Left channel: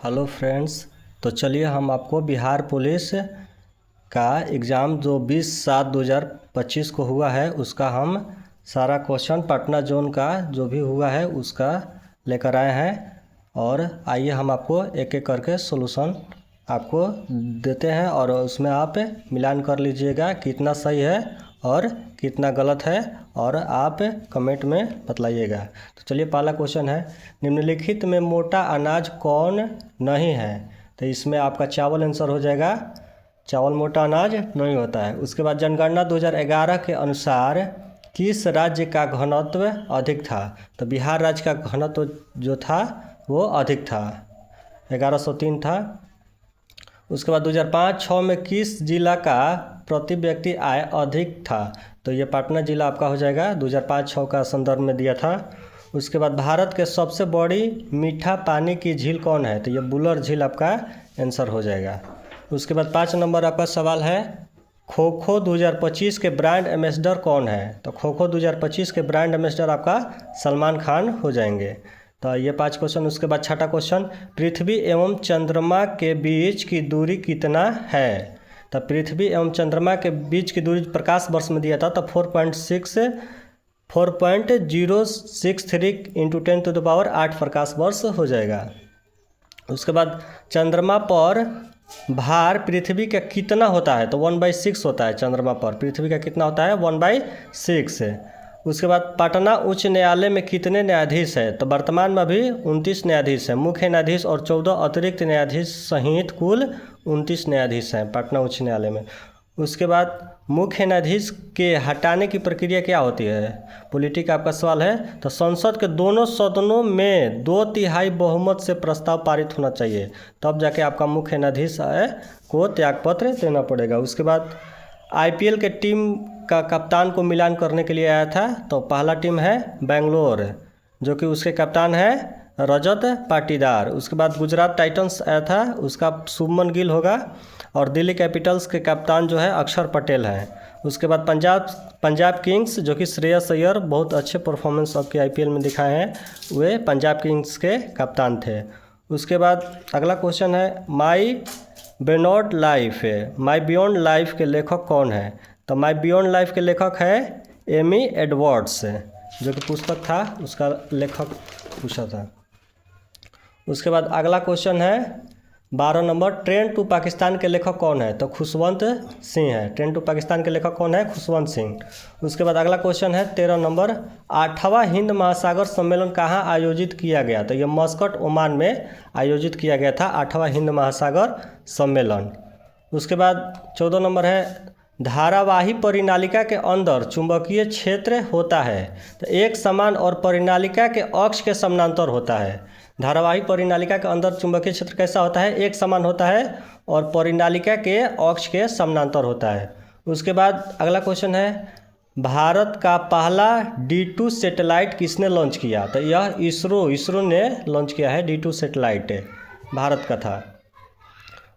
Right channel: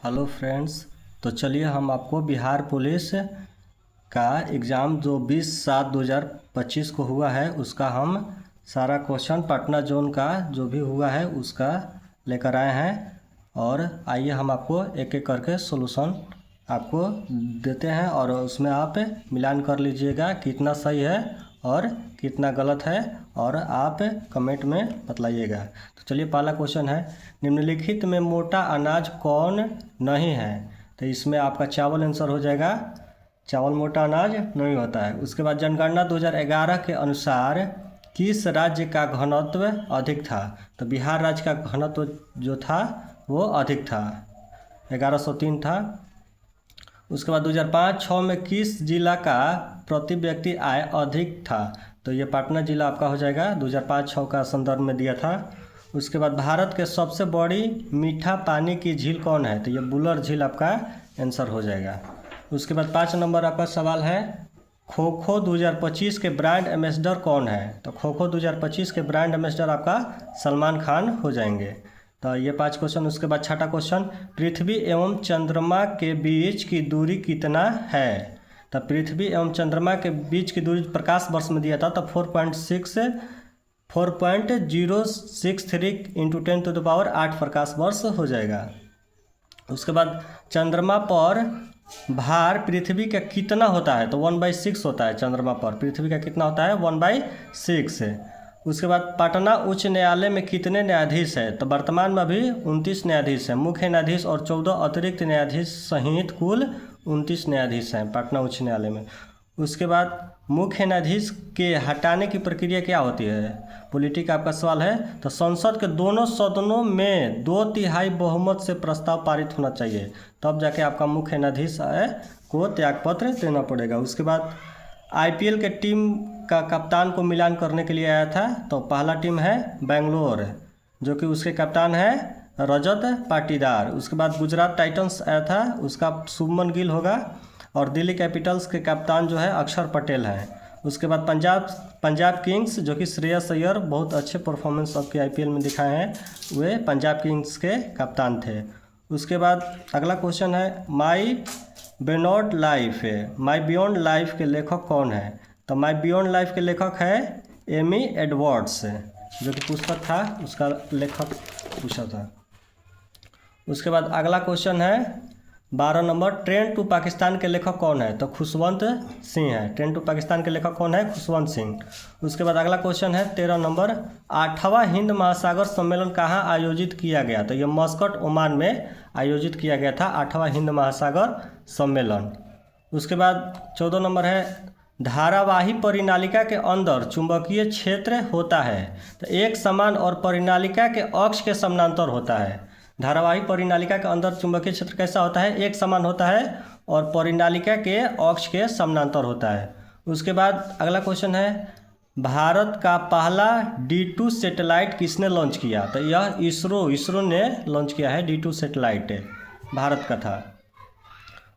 Hello friends. तो चलिए हम आपको बिहार पुलिस का एग्ज़ाम जो 20/7/2025 को हुआ है उसका हम सारा क्वेश्चन पटना जोन का जो भी हुआ है उसका लेकर आए हैं। और आइए हम आपको एक एक करके सॉल्यूशन आपको देते हैं और उसमें आप मिलान कर लीजिएगा कितना सही है और कितना गलत है और आप कमेंट में बतलाइएगा। तो चलिए पहला क्वेश्चन है, निम्नलिखित में मोटा अनाज कौन नहीं है? तो इसमें आपका चावल आंसर हो जाएगा। चावल मोटा अनाज नहीं होता है। उसके बाद जनगणना 2011 के अनुसार किस राज्य का घनत्व अधिक था? तो बिहार राज्य का घनत्व जो था वो अधिक था, 1103 था। उसके बाद 2005-06 में किस जिला का प्रति व्यक्ति आय अधिक था? तो ये पटना जिला आपका हो जाएगा, 2005-06 का संदर्भ में दिया था। उसके बाद भारत के सबसे बड़ी मीठा पानी की झील कौन है? तो ये बुलर झील आपका आंसर हो जाएगा। उसके बाद 5 नंबर आपका सवाल है, खो खो 2025 के ब्रांड एम्बेसडर कौन है? तो खो खो 2025 के ब्रांड एम्बेसडर आपका सलमान खान हो जाएंगे। तो ये 5 क्वेश्चन। उसके बाद छठा क्वेश्चन, पृथ्वी एवं चंद्रमा के बीच की दूरी कितना है? तो पृथ्वी एवं चंद्रमा के बीच की दूरी प्रकाश वर्ष में दिया था, तो 4.063 इंटू 10⁸ प्रकाश वर्ष हो जाएगा। उसके बाद चंद्रमा पर भार पृथ्वी का कितना होता है? तो 1/6 होता है। चंद्रमा पर पृथ्वी का कितना होता है? 1/6। उसके बाद पटना उच्च न्यायालय में कितने न्यायाधीश है? तो वर्तमान में अभी 29 न्यायाधीश हैं। मुख्य न्यायाधीश और 14 अतिरिक्त न्यायाधीश सहित कुल 29 न्यायाधीश हैं पटना उच्च न्यायालय में। उसके बाद मुख्य न्यायाधीश के हटाने की प्रक्रिया क्या होती है? पॉलिटी का आपका सवाल है। तो संसद के दोनों सदनों में 2/3 बहुमत से प्रस्ताव पारित होना चाहिए, तब जाके आपका मुख्य न्यायाधीश को त्यागपत्र देना पड़ेगा। उसके बाद आईपीएल के टीम का कप्तान को मिलान करने के लिए आया था। तो पहला टीम है बेंगलोर, जो कि उसके कप्तान है रजत पाटीदार। उसके बाद गुजरात टाइटंस आया था, उसका शुभमन गिल होगा। और दिल्ली कैपिटल्स के कप्तान जो है अक्षर पटेल है। उसके बाद पंजाब किंग्स, जो कि श्रेयस अय्यर बहुत अच्छे परफॉर्मेंस आपके आईपीएल में दिखाए हैं, वे पंजाब किंग्स के कप्तान थे। उसके बाद अगला क्वेश्चन है, माई बियॉन्ड लाइफ के लेखक कौन है? तो माई बियॉन्ड लाइफ के लेखक है एमी एडवर्ड्स, जो कि पुस्तक था उसका लेखक पूछा था। उसके बाद अगला क्वेश्चन है 12 नंबर, ट्रेन टू पाकिस्तान के लेखक कौन है? तो खुशवंत सिंह है। ट्रेन टू पाकिस्तान के लेखक कौन है? खुशवंत सिंह। उसके बाद अगला क्वेश्चन है 13 नंबर, 8वां हिंद महासागर सम्मेलन कहाँ आयोजित किया गया? तो ये मस्कट ओमान में आयोजित किया गया था 8वां हिंद महासागर सम्मेलन। उसके बाद 14 नंबर है, धारावाही परिनालिका के अंदर चुंबकीय क्षेत्र होता है, तो एक समान और परिनालिका के अक्ष के समानांतर होता है। धारावाही परिनालिका के अंदर चुंबकीय क्षेत्र कैसा होता है? एक समान होता है और परिनालिका के अक्ष के समानांतर होता है। उसके बाद अगला क्वेश्चन है, भारत का पहला D2 सैटेलाइट किसने लॉन्च किया? तो यह इसरो ने लॉन्च किया है। D2 सैटेलाइट भारत का था।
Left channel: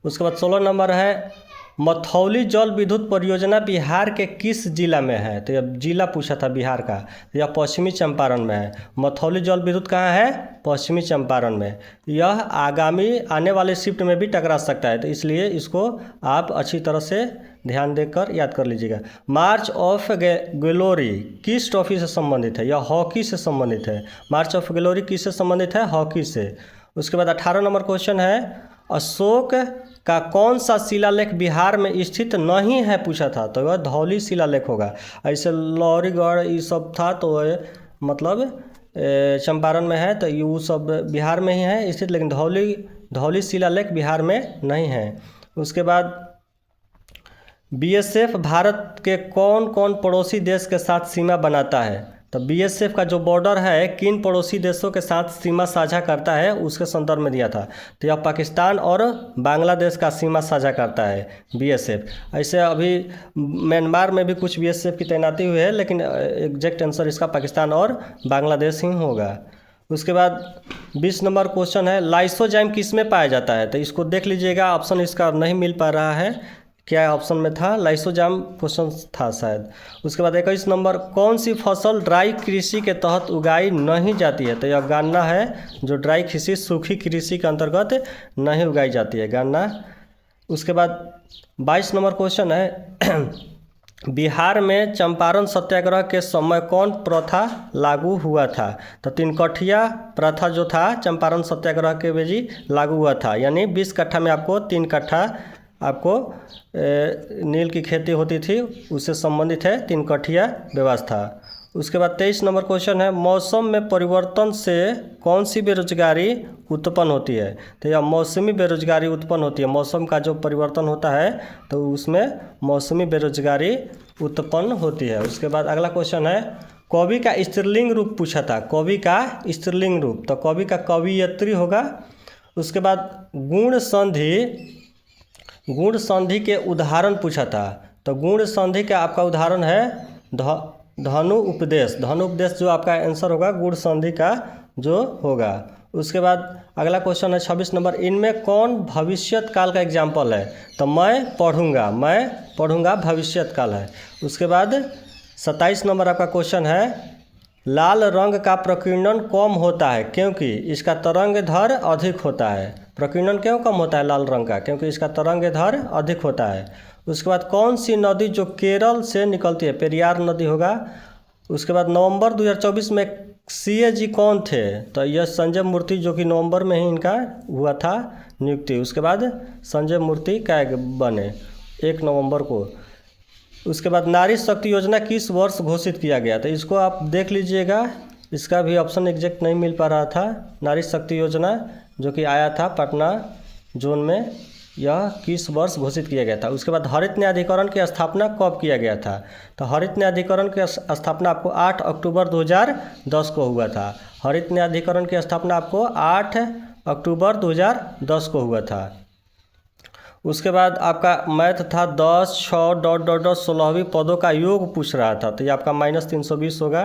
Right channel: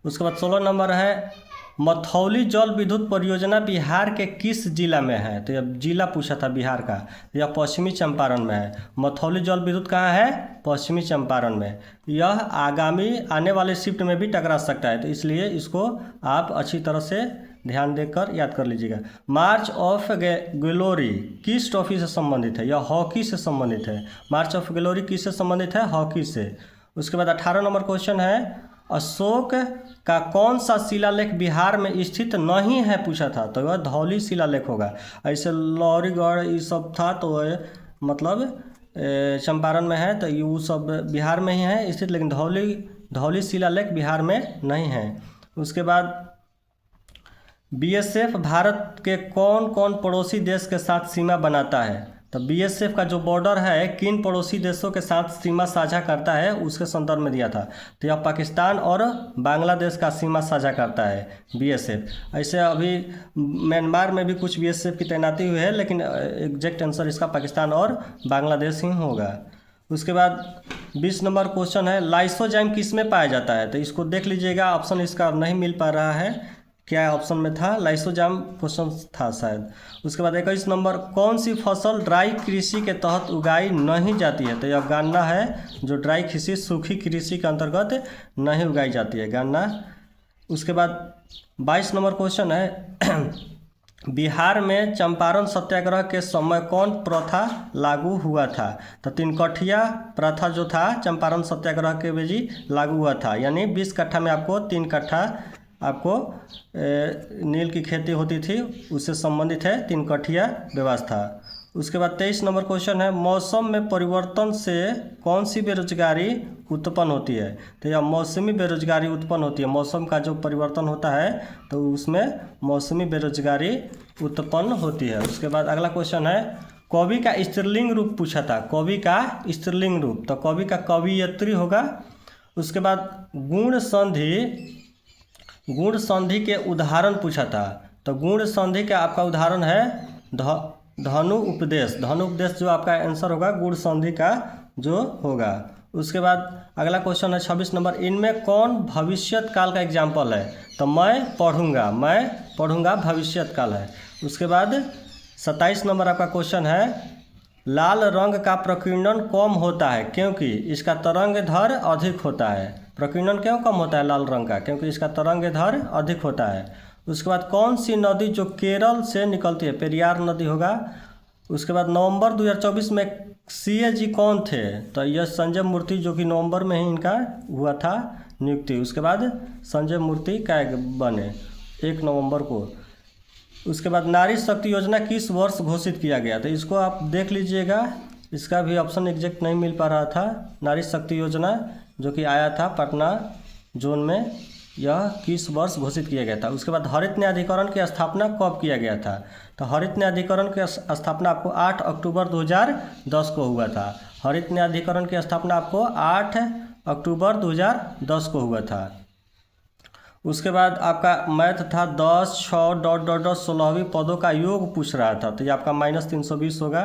उसके बाद 16 नंबर है, मथौली जल विद्युत परियोजना बिहार के किस जिला में है? तो यह जिला पूछा था बिहार का, यह पश्चिमी चंपारण में है। मथौली जल विद्युत कहाँ है? पश्चिमी चंपारण में। यह आने वाले शिफ्ट में भी टकरा सकता है, तो इसलिए इसको आप अच्छी तरह से ध्यान देकर याद कर लीजिएगा। मार्च ऑफ ग्लोरी किस ट्रॉफी से संबंधित है? यह हॉकी से संबंधित है। मार्च ऑफ ग्लोरी किससे संबंधित है? हॉकी से। उसके बाद 18 नंबर क्वेश्चन है, अशोक का कौन सा शिलालेख बिहार में स्थित नहीं है पूछा था? तो वह धौली शिलालेख होगा। ऐसे लौरीगढ़ ये सब था, तो वह मतलब चंपारण में है, तो ये वो सब बिहार में ही है स्थित, लेकिन धौली शिलालेख बिहार में नहीं है। उसके बाद बीएसएफ भारत के कौन कौन पड़ोसी देश के साथ सीमा बनाता है? तो बीएसएफ का जो बॉर्डर है किन पड़ोसी देशों के साथ सीमा साझा करता है उसके संदर्भ में दिया था। तो यह पाकिस्तान और बांग्लादेश का सीमा साझा करता है बीएसएफ। ऐसे अभी म्यांमार में भी कुछ बीएसएफ की तैनाती हुई है, लेकिन एग्जैक्ट आंसर इसका पाकिस्तान और बांग्लादेश ही होगा। उसके बाद 20 नंबर क्वेश्चन है, लाइसोजाइम किस में पाया जाता है? तो इसको देख लीजिएगा, ऑप्शन इसका नहीं मिल पा रहा है क्या ऑप्शन में था, लाइसोजाम क्वेश्चन था शायद। उसके बाद 21 नंबर, कौन सी फसल ड्राई कृषि के तहत उगाई नहीं जाती है? तो यह गन्ना है, जो ड्राई कृषि सूखी कृषि के अंतर्गत नहीं उगाई जाती है, गन्ना। उसके बाद 22 नंबर क्वेश्चन है बिहार में चंपारण सत्याग्रह के समय कौन प्रथा लागू हुआ था? तो 3 कठिया प्रथा जो था चंपारण सत्याग्रह के बेजी लागू हुआ था, यानी 20 कट्ठा में आपको 3 कट्ठा आपको नील की खेती होती थी, उससे संबंधित है 3 कठिया व्यवस्था। उसके बाद 23 नंबर क्वेश्चन है मौसम में परिवर्तन से कौन सी बेरोजगारी उत्पन्न होती है? तो यह मौसमी बेरोजगारी उत्पन्न होती है, मौसम का जो परिवर्तन होता है तो उसमें मौसमी बेरोजगारी उत्पन्न होती है। उसके बाद अगला क्वेश्चन है कवि का स्त्रीलिंग रूप पूछा था, कवि का स्त्रीलिंग रूप, तो कवि का कवियत्री होगा। उसके बाद गुण संधि के उदाहरण पूछा था, तो गुण संधि का आपका उदाहरण है धनु उपदेश, धनु उपदेश जो आपका आंसर होगा गुण संधि का जो होगा। उसके बाद अगला क्वेश्चन है 26 नंबर, इनमें कौन भविष्यत काल का एग्जाम्पल है? तो मैं पढ़ूंगा भविष्यत काल है। उसके बाद 27 नंबर आपका क्वेश्चन है लाल रंग का प्रकीर्णन कम होता है क्योंकि इसका तरंग दैर्घ्य अधिक होता है। प्रकीर्णन क्यों कम होता है लाल रंग का? क्योंकि इसका तरंग दैर्घ्य अधिक होता है। उसके बाद कौन सी नदी जो केरल से निकलती है? पेरियार नदी होगा। उसके बाद नवंबर 2024 में CAG कौन थे? तो यह संजय मूर्ति, जो कि नवंबर में ही इनका हुआ था नियुक्ति। उसके बाद संजय मूर्ति क्या बने 1 नवंबर को। उसके बाद नारी शक्ति योजना किस वर्ष घोषित किया गया? तो इसको आप देख लीजिएगा, इसका भी ऑप्शन एग्जैक्ट नहीं मिल पा रहा था। नारी शक्ति योजना जो कि आया था पटना जोन में, यह किस वर्ष घोषित किया गया था? उसके बाद हरित न्यायाधिकरण की स्थापना कब किया गया था? तो हरित न्यायाधिकरण की स्थापना आपको 8 अक्टूबर 2010 को हुआ था। हरित न्यायाधिकरण की स्थापना आपको 8 अक्टूबर 2010 को हुआ था। उसके बाद आपका मैथ था 10, 6, ... 16वीं पदों का योग पूछ रहा था, तो ये आपका -320 होगा,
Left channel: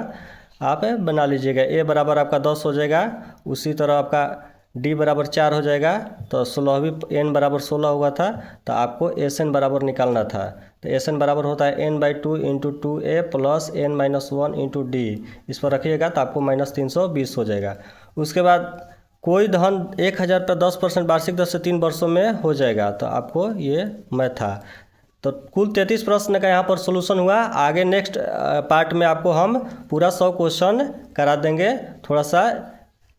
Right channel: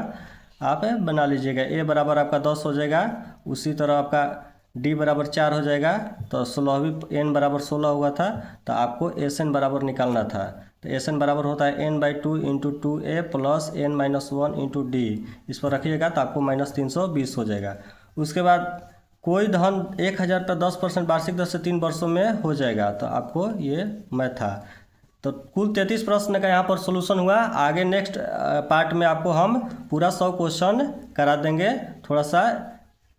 आप बना लीजिएगा। ए बराबर आपका 10 हो जाएगा, उसी तरह आपका डी बराबर 4 हो जाएगा, तो 16वीं n बराबर 16 हुआ था, तो आपको SN बराबर निकालना था। तो SN बराबर होता है n/2 × 2a + n-1 × d, इस पर रखिएगा तो आपको -320 हो जाएगा। उसके बाद कोई धन 1000 पर 10% वार्षिक दर से 3 वर्षों में हो जाएगा, तो आपको ये मैथ था। तो कुल 33 प्रश्न का यहाँ पर सोल्यूशन हुआ। आगे नेक्स्ट पार्ट में आपको हम पूरा 100 क्वेश्चन करा देंगे। थोड़ा सा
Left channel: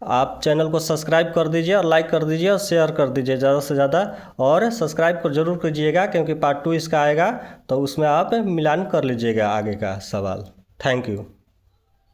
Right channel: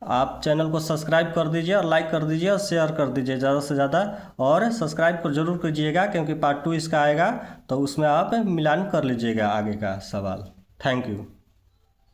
आप चैनल को सब्सक्राइब कर दीजिए और लाइक कर दीजिए और शेयर कर दीजिए ज़्यादा से ज़्यादा, और सब्सक्राइब को जरूर कीजिएगा क्योंकि पार्ट 2 इसका आएगा, तो उसमें आप मिलान कर लीजिएगा आगे का सवाल। Thank you.